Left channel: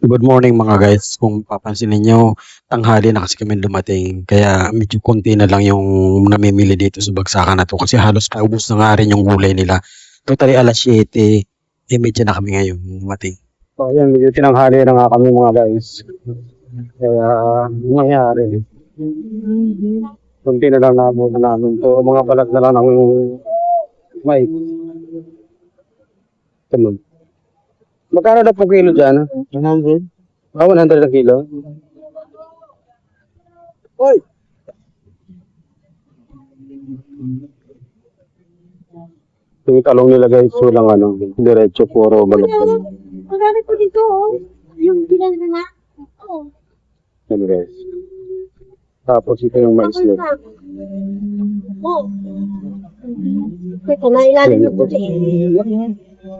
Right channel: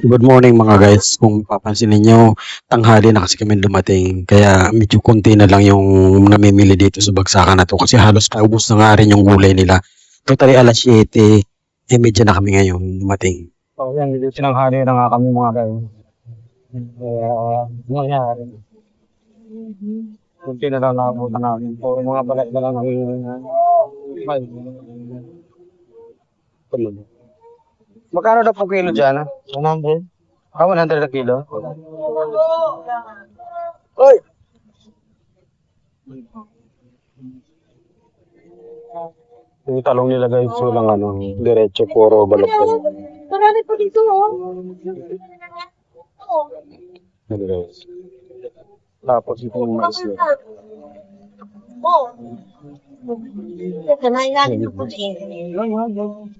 Good morning mga guys. Kung papansin ninyo, tanghali na kasi kami dumating. Kaya medyo konti na lang yung namimili dito sa bagsakan na to. Kasi halos paubos na nga rin yung gulay nila. Totally alas 7, medyo na kami ngayon dumating. So ayan, medyo tinanghali na nga kami mga guys. Kaya nangyayari. Konti na lang naabot namin. So mga balat na lang namin may tulog. Magkano na po kilo dyan? 100. Ah, 100 na kilo? Oy! Yung talong nila guys, walang diretso puro balat. Marami po dito, oh. Yung bilang na nga. Oo. Yan guys. Tapos ito yung mais nila. Oo. Teka, nailalim yung puti.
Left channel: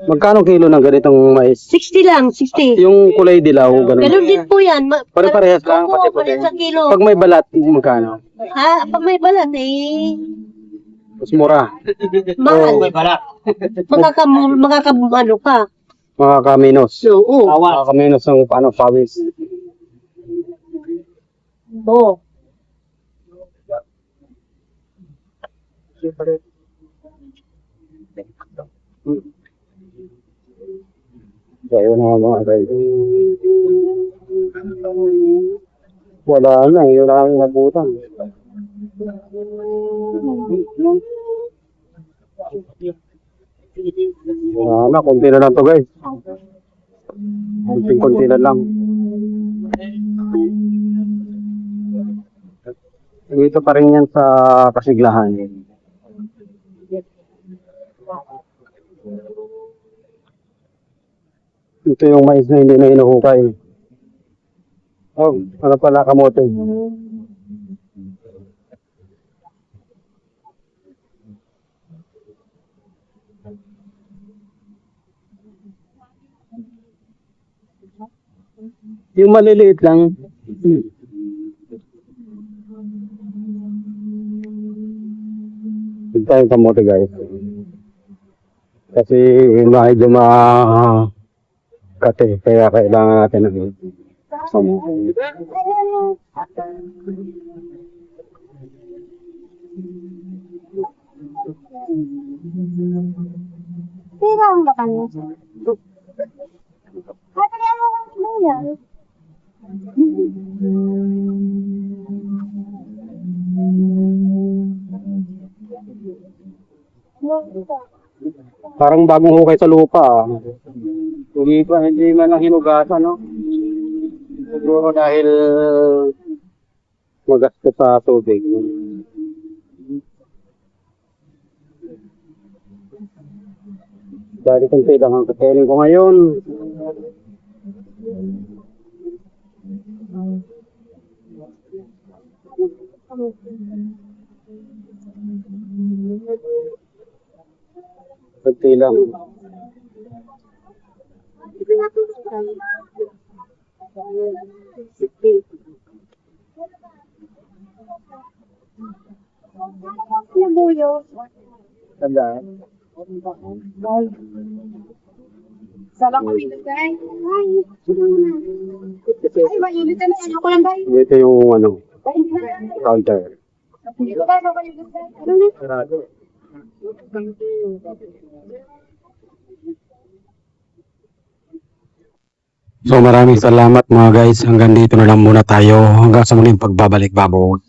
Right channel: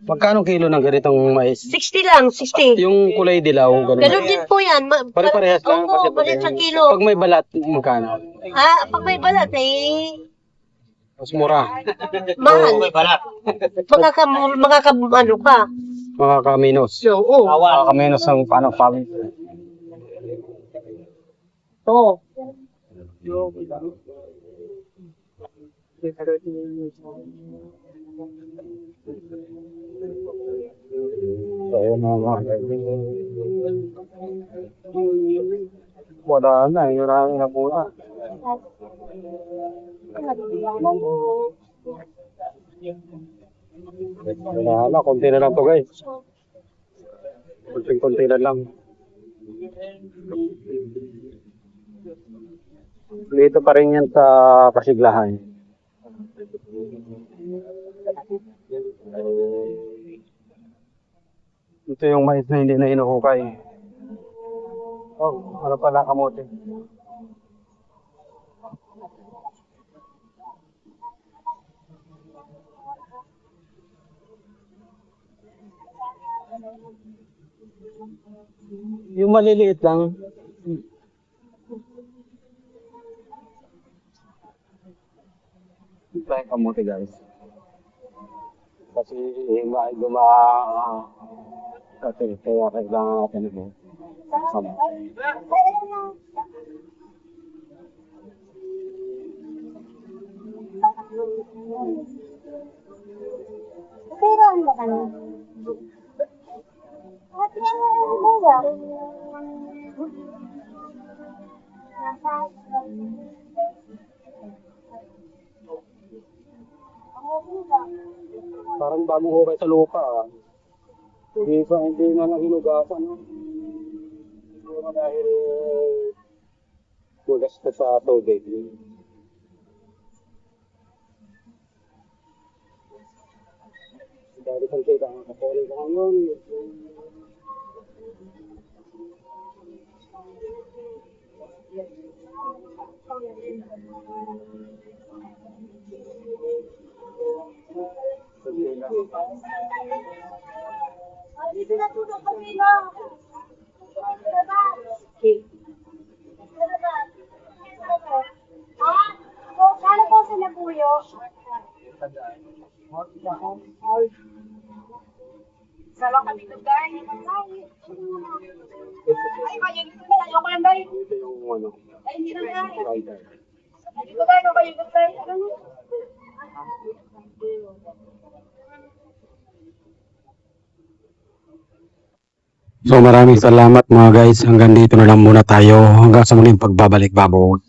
Magkano kilo ng ganitong mais? 60 lang, 60. Yung kulay dilaw, ganun. Ganun din po yan. Pare-parehas lang. Opo, parehas ang kilo. Pag may balat, magkano? Ah, pag may balat, eh, Mas mura. mahal. Ano ka. Mga kaminos. Oo. Mga kaminos ng pawis. Oo. So, ayun mga guys. Wala na, wala na nabutan. Konti na lang to guys. Konti na lang. Dito pa rin yan sa Kasiglahan. Ito yung mais na hindi na inuhukay. Oh, ano pala kamote? Yung maliliit lang. Ito yung kamote guys. Kasi medyo kate, kaya kailangan natin ng Kailangan ba kayo? Kaya mo muna. parang bagong hukay sa lupa. Hindi man lang hinugasan, no? Siguro dahil magastos sa tubig. Dahil kung lang ang kakainin ko ngayon. Kunti lang. Ano po sa nabuyo? Tandaan. Salang kami doon, guys. Ay, mainit na. Ayoko lang, guys. Ito yung counter. Dito tayo na kayo doon, guys. Ano na? So maraming salamat mga guys. Hanggang dito na lang muna tayo. Hanggang sa muling pagbabalik, Babod.